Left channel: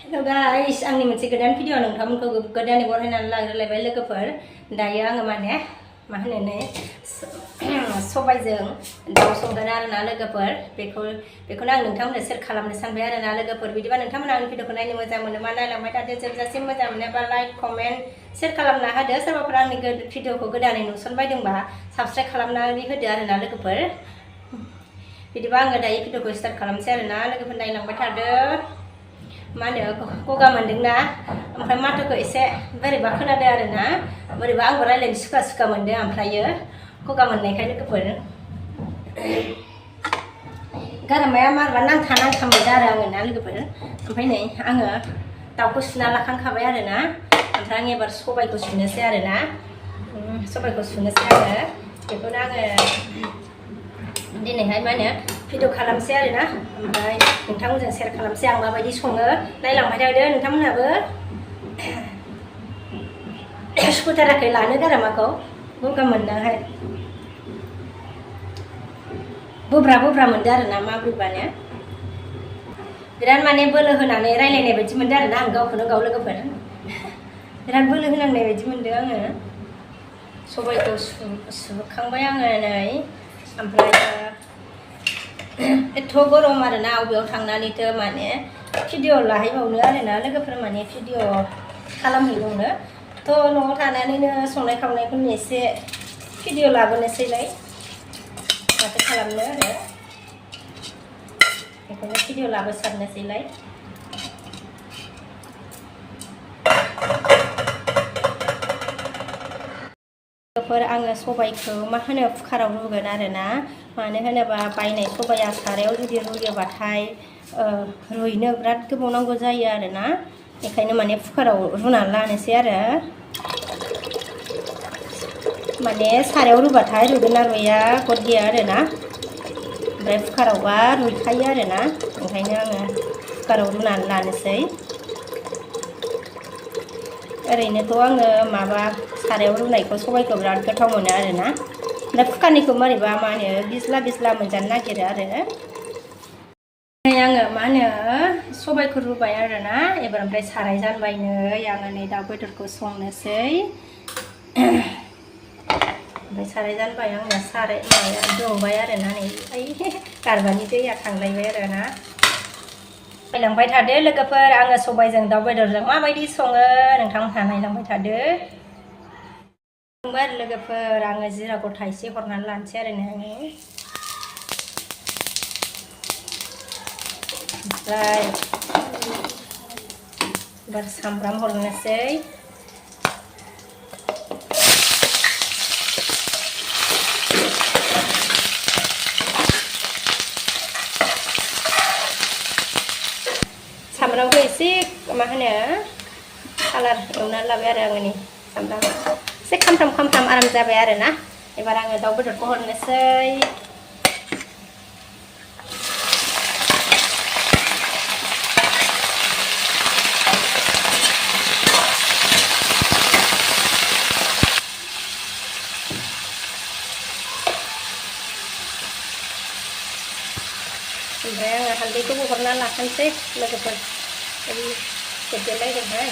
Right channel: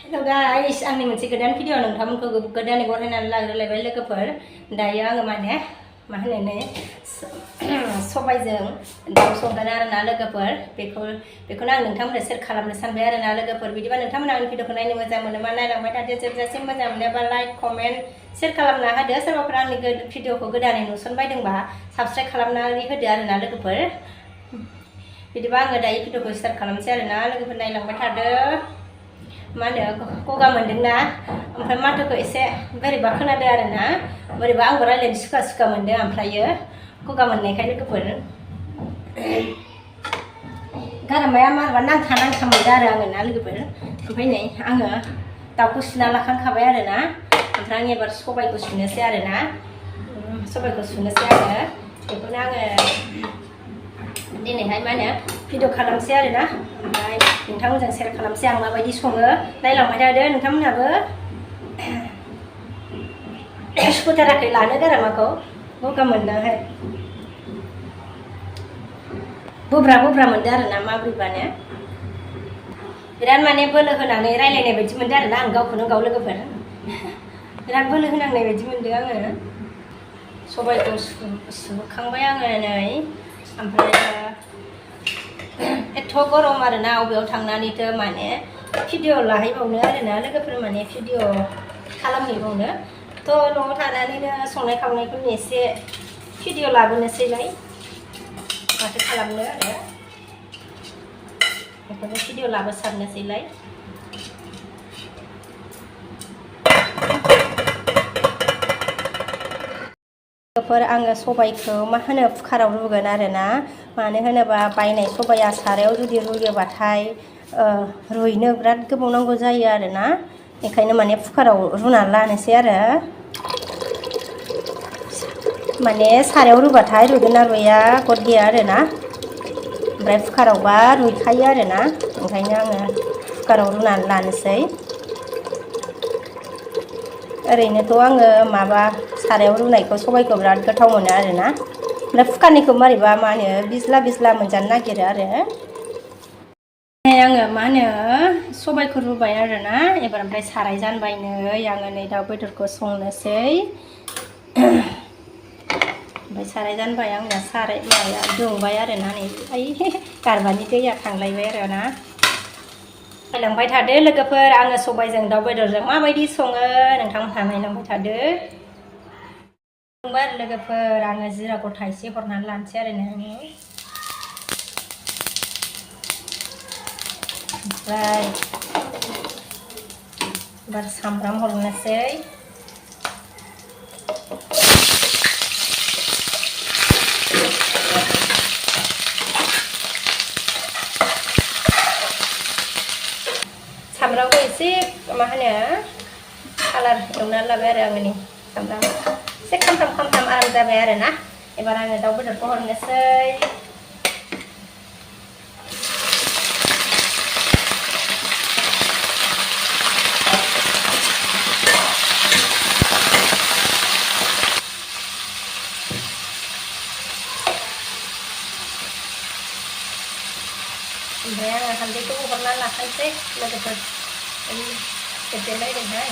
Hello guys, आंनि मोनसे गोदान भिडिअ नोंथांमोनखौ गोदानै बरायनानै लाग्रोलायबाय लोगोफोर। दायो आङो माने मा होनो नै सबायजों दाउ संगोन आरोना लोगोफोर। बेखौनो आं नोंथांमोननो शेयार खालामनो सानबाय आरोना लोगोफोर। बिदिबा नोंथांमोना आंनि भिडिअखौ नायनो मोजां मोनोबा नायलांबाय थादो, जोबजासिम मोजां मोनोबा लाइक, कमेन्ट, शेयार खालामना होदो। सोरबाफोर आंनि भिडिअखौ गोदानै नुसनबायदंबा साबस्क्राइब खालामनानै होदो आरोना लोगोफोर। बिदिबा आङो दायो भिडिअखौ स्टार्ट खालामसै आरोना लोगोफोर, नायलांबाय थादो। मा होनो गगा मोनदोंना, ओमफ्राय माथोखौ एसे बोरैबा खोनादों आरोना, बोरैबा आंबो रायलायनो सुखा सुखा मोनदों ओमफ्रायो गगा मोननायखाय लोगोफोर। गारामाया मारैबा नांथा मोनदों आरो आङो ना लोगोफोर। ओमफ्राय नै आङो दाउखौ सुना लाखांखाबाय आरोना, ओमफ्राय आं एबार सबायखौ सुनोसै आरोना, सबायखौ सुनोसै आङो। बेखौनो आङो दिनैहाय मा होनो भिडिअ खालामसै आरोना, ओमफ्राय नोंथांमोनजों शेयार खालामसै आं माबायदि सङो। नायलांबाय थादो नोंथांमोनहाबो। सुखुथाराखै लानो गारामाखौ गगा मोननायहाय, बोब्रा मोनदों आरोना माब्रैबानो। बिराद माने बोलो होनानै रायलायनाय बायदि मोनदों आरोना आं गावखौनो गाव लोगोफोर। बिराद बोलो होनांनाय बायदि मोनदों आङो। सबायखौ सुखांबाय आङो नै, ओमफ्राय एथ' गरम आरोना, अबेयाव थांनानैथो माने भिडिअ लाहैबावनो आरोना लोगोफोर, माने भिडिअ खालामहैबावनो। थ' न'आव थानानैनो संनाय खावनायखौनो एसे भिडिअ लाबोनोसैलाय, माथो खालामनो आरो बेखौनो भिडिअ लाबोसारनोसैलाय। आङो सबायखौ मा होनो कुकाराव रुगोन आरोना, मानो होनोबा बायनाय सबाया सारायाव जुदि रुयोबाथाय रुइनो बिराद गोबाव नांगौ जायो आरोना, बेखायनो माने कुकाराव रुनानै लानोसै आरो। माने सारायाव रुबाथाय रुइगोन ना रुइया गद गैया आरोना, ओमफ्राय कुकारावबा रुइखायो आरोना, ओंखायनो आङो कुकाराव रुनानै लानोसै। ओरैनोथ' आङो माबा सारायाव रुनायखौ सबायखौ बिराद गोथाव मोनो आरोना, ओमफ्राय कुकारनिखौ मारैबा मा होनो बिज्ला मोनजानो नागिरो आरो। आङो मा होनो सबायखौ रुबाय आरोना एबार, ओमफ्राय साराय जानबाय नै आङो नै दाउ बेदरखौ संनोसै। ओमफ्राय साराय जानबाय आंना, साराय माबाया दुंबाय आरोना, नै गारबानि दैया थांलायबाय आरोना। नायलांबाय थादो लोगोफोर, आङो सबायजों दाउ बेदरजों माबायदि सङो नोंथांमोनहा नायलांबाय थादो। आरो लोगोफोर आङो जिरा गथा एसे हरनानै लानोसै आरो नोङो, ओमफ्राय एबार सामब्राम हरनोसै। सामब्रामखौ एसे मा होनो कालार एवनानै लाबाय आरो आङो, नै सामब्राम एसे खामफ्राम आराम जाबाय आरोना। एबार आङो दाउ बेदरखौ हरनोसै। ओमफ्राय आङो हालदैखौबो हरनानै लाखानोसै लोगोफोर, गोदोलायदोंहाय।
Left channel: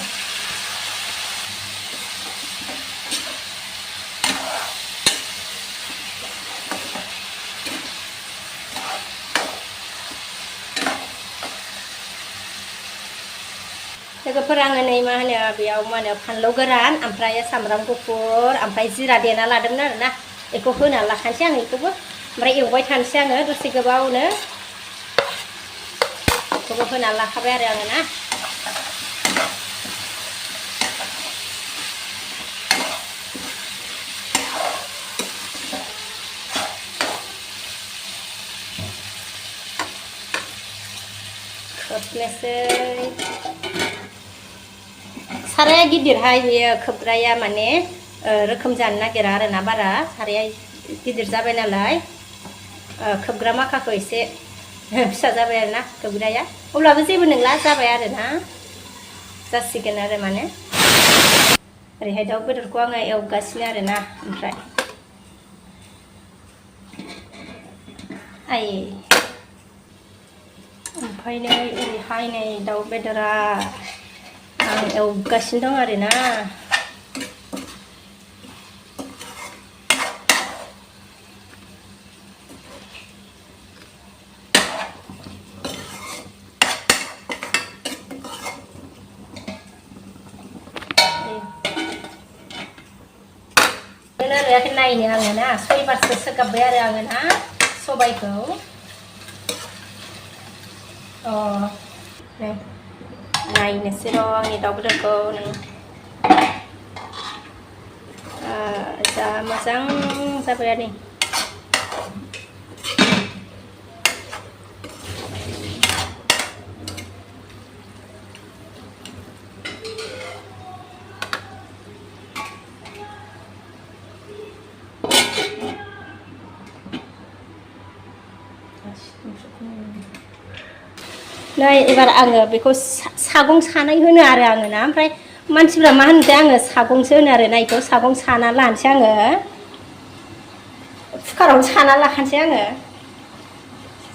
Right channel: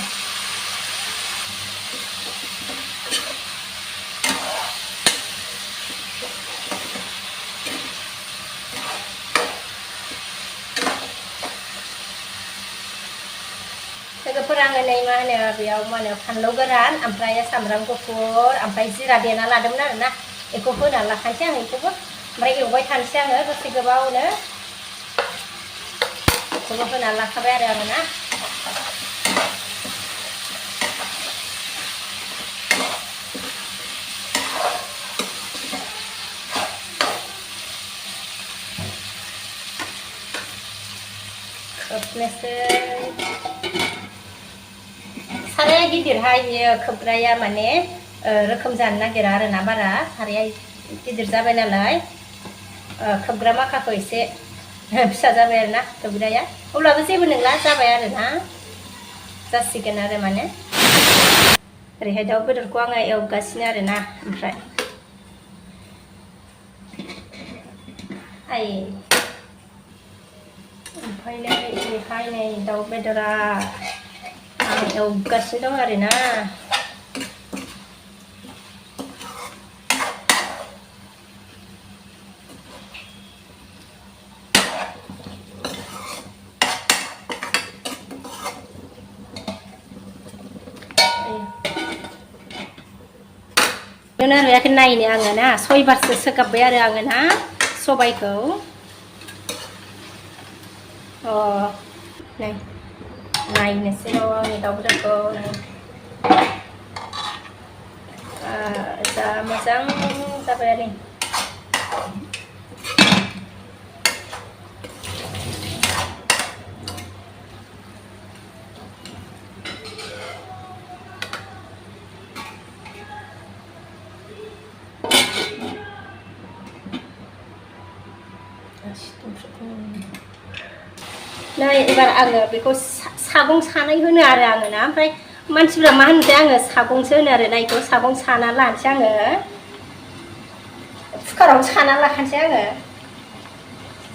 लोगोफोर आङो नै मा होनो बेयाव मा होनो फानलौ गोरान, ओमफ्राय सामब्राम गुफुर, ओमफ्राय जिरा देना लादोंमोन आरोना, बेखौ होनानै लाखानोसै आं बेखौबो। ओमफ्राय एवबाय थानोसै आङो दसे गोबावनो, बेखौबो होनानै लाखाबाय आरो आङो ना। खोबनोसै। साराया गिदिरहाय बेयो, खोबग्राया माने रोखोम जानो नागिरा आरोना बारा, साराया गिदिर जाबाय नालाय खोबग्रा माखाखौ एसे फिसा जाबाय आरोना खोबग्राया, अब्लाबो जेबो नंला, जाबाय आरोना, जासिगोन आरो माने। ओरैहाय दाउ बेदरखौ आङो एवगासिनो आरोना, ओमफ्राय ओमफ्राय नै दिनैहाय नै दाउ बेदरा आं एवगासिनो दं आरोना आरो नायनो आङो ना 6 बारसो सोगाबबाय आरो आङो ना सबायखौ नै नायनोसै र' आंनि दाउ बेदरखौ जा मोजां जाबाय आरो नै एबार आङो बेखौ सागं सानाय होनो आरो आङो ना ओमफ्राय मानसिफ्रा मा होनोथाय आङो सागंसो होनो आरो ना इखौ सागं साना लानोसै आङो कुकाराव साना लाखानोसै आङो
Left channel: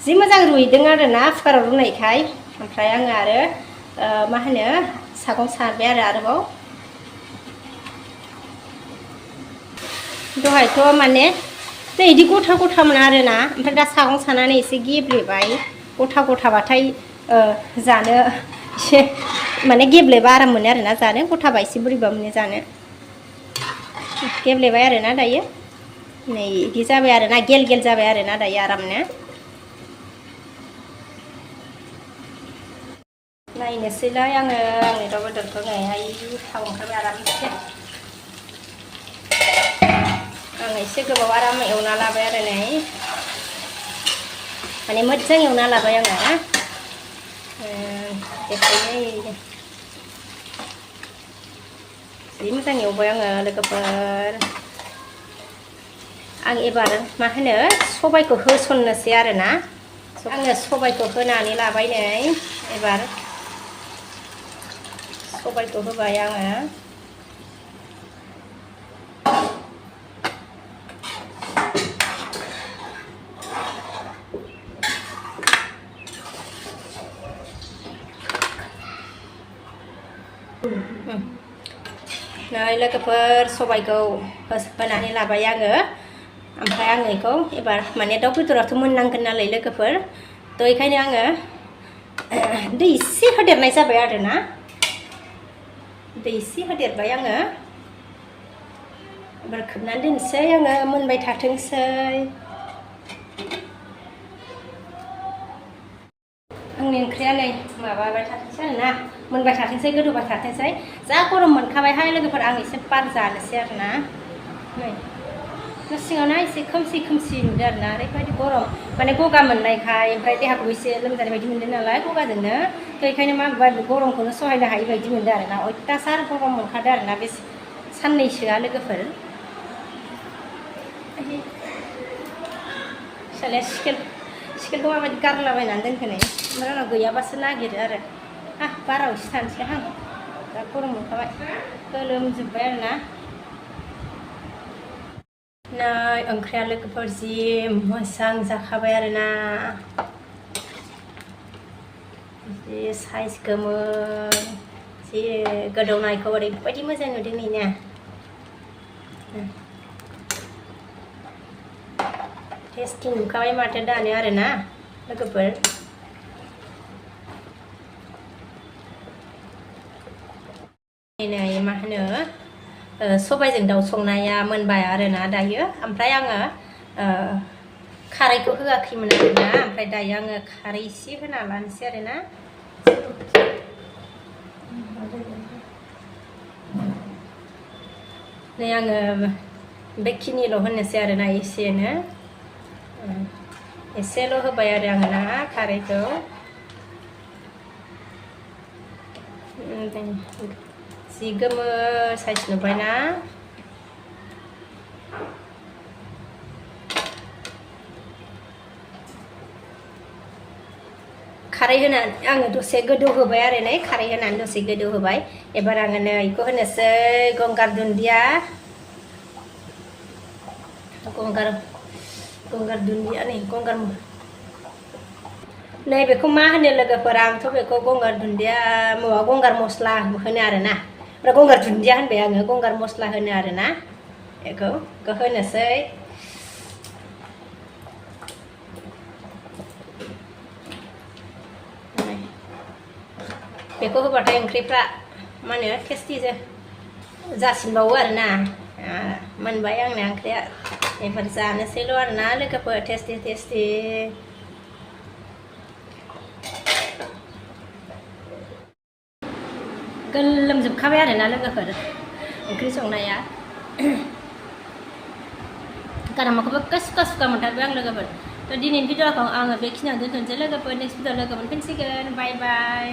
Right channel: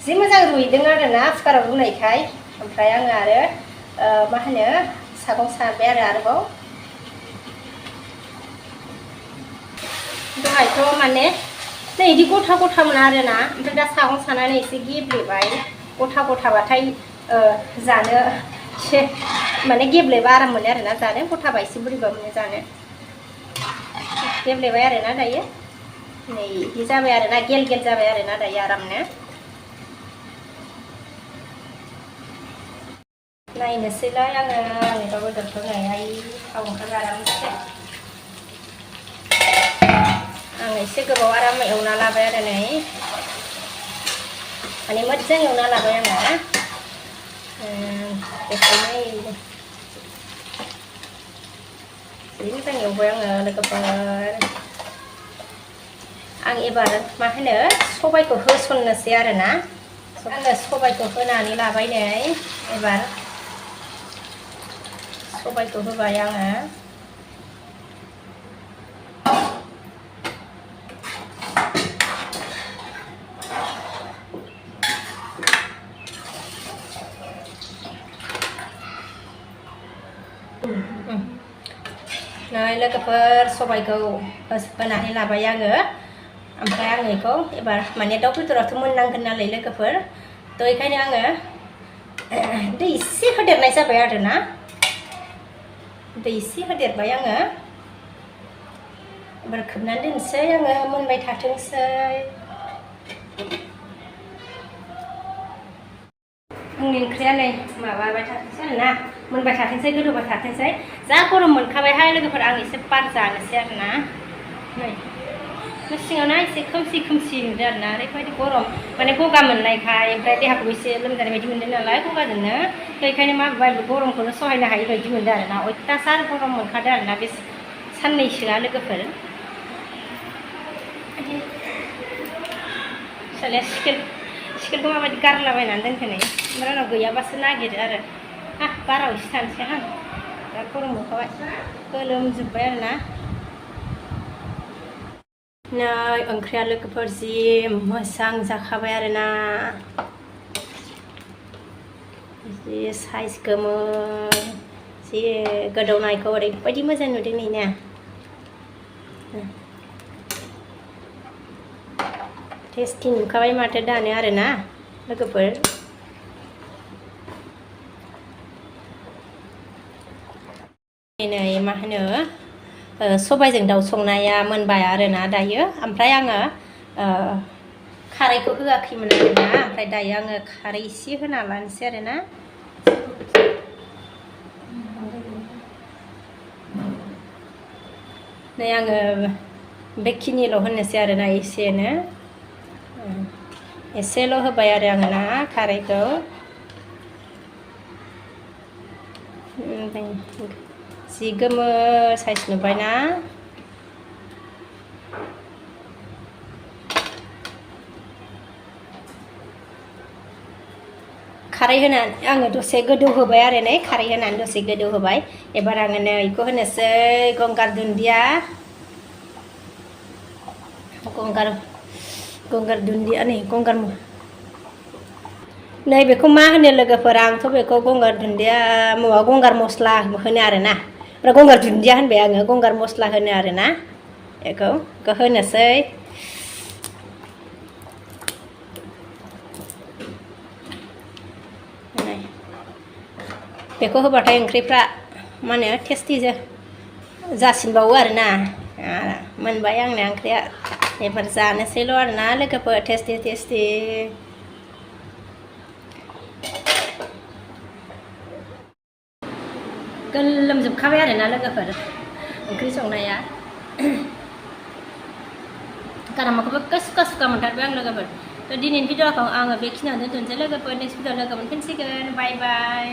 जि मोजां रुइदों आरो ना कुकाराव रुनायखाय ओमफ्राय आङो आरो मा होनो सागं साबाय आरोबाव दहायथ' माने नै इदि गथा गथामोन आरोना ओमफ्राय दा सागं सानानै एसे गेब्लेबाय गथा गथाबाथाय जानो एसे माने गेब्लेबा आराम मोनो आरोना जानो गथाबा एसे बोरैबा मोनो जानो गेब्लेबाय आरोना दायो नै इदि जाबाय आरोना गेल गेल जाबाय आरोना दायो आरामनो नायनोसैलाय आङो आंनि दाउ बेदरखौ नैहाय थाव ओंखारबाय आरामसे आं एसे गोबाव आराम एवना लाबाय आरो नै माने मोजां एवना लाबाय आङो बेखायनो जि मोजां एवबाय आङो लोगोफोर आं एबार मा होनो सबायखौ होसननोसै आरोना आङो सबायखौ होनानै लाबाय नै एबार सबायखौ होबाय आङो नै लोगोफोर सबायखौ होनानै लाबाय आङो ओमफ्राय आङो बेखौ एबार माने दाउ बेदराथ' मोननांगोन नालाय लोगोफोर थ' बेखायनो आङो दै एसे होदेरनाय जाबाय आरोना दै एसे होदेरबाय आङो एबार खोबनानै दोनसै आङो मोनबाय थाथोंसै आंनि ओंख्रिया नै माबाबाय थाथोंसै आरोना मोनबाय थाथोंसै गोदौबाय थाथोंसै जा गरम मोनखाबायहाय लोगोफोर आं एसे बार जानोसै आरोना नै न' सिङावना एसे खोमसि खोमसि नुदों आरोना ओरैबायदि गरम माने गगा मोननायखाय ओमफ्राय देहाखौ एसे लोमजानाय बायदि मोनदों नालाय गगाजोंनो बेखायनो मा गरमखौनो सहायनो हायि बायदि मोनदों आरोना अयथासार गरम मोनखादों आरोना बे साननैसोआ लोगोफोर फिसालाया स्केलखौ माबायदि गारलाबायनानै दोनखो नै ओमफ्राय उनाव गैयाबासो नागिरो आरो बाराव एसे थानोसै दा गरम मोनखाबाय गोलोमजोब्बाय आरोना नै ओंख्रिया लोगोफोर जि मोजां जाखाबाय आरोना जि साइज गोमोन जि गोदौनायखौ ओरैबायदि मोजां नुदों नै ना टेस्टि नुखाबाय माथो दानो आरोना लोगोफोर नै मा होनो सबायजों दाउ संनाया मोनबाय आरोना दायो ओमफ्राय आङो खारैखौ होआखैमोन आरोना ओमफ्राय दायो आङो खारै एसे होना लानोसै आरोना नै आङो बेखिनिल' होनोसै आरोना एसेल' होबाय आरो आङो ना खारैखौ जि गोमो साइज नुबायना खारै होनानै आङो दसे गोदौ होबाय आरो नै खारै होनानै दसे गोदौ होबाय एबार आङो नै बेखौ होनोसै गंगार दुन्दिया गंगार दुन्दिया नै नै बेखौ मा होनो लोगोफोर आंथ' बेखौ गंगार दुन्दिया माबा गंगार मस्ला होनो आरोना गंगार दुन्दिया होनबाय आङो गंगार मस्ला होनो आरोना बेखौ होनोसै बेखौ होबाथाय ओंख्रिफ्रा मा होनो टेस्टि जासिनबावो आरोना मोनबाय आंना ओंख्रिया एबार जानोसैल' आरोना लोगोफोर टेस्टि गोलोमजोबखाबाय आरोना लोगोफोर ओंख्रि संनाया गारामाखौबो सुखा मोनथारबाय आं लोगोफोर थ' दिनैनि भिडिअखौ आङो बेखिनियावनो दोनथ'नोसै लोगोफोर नेक्स्ट भिडिअ लोगो मोनफिनसिगोन बाय बाय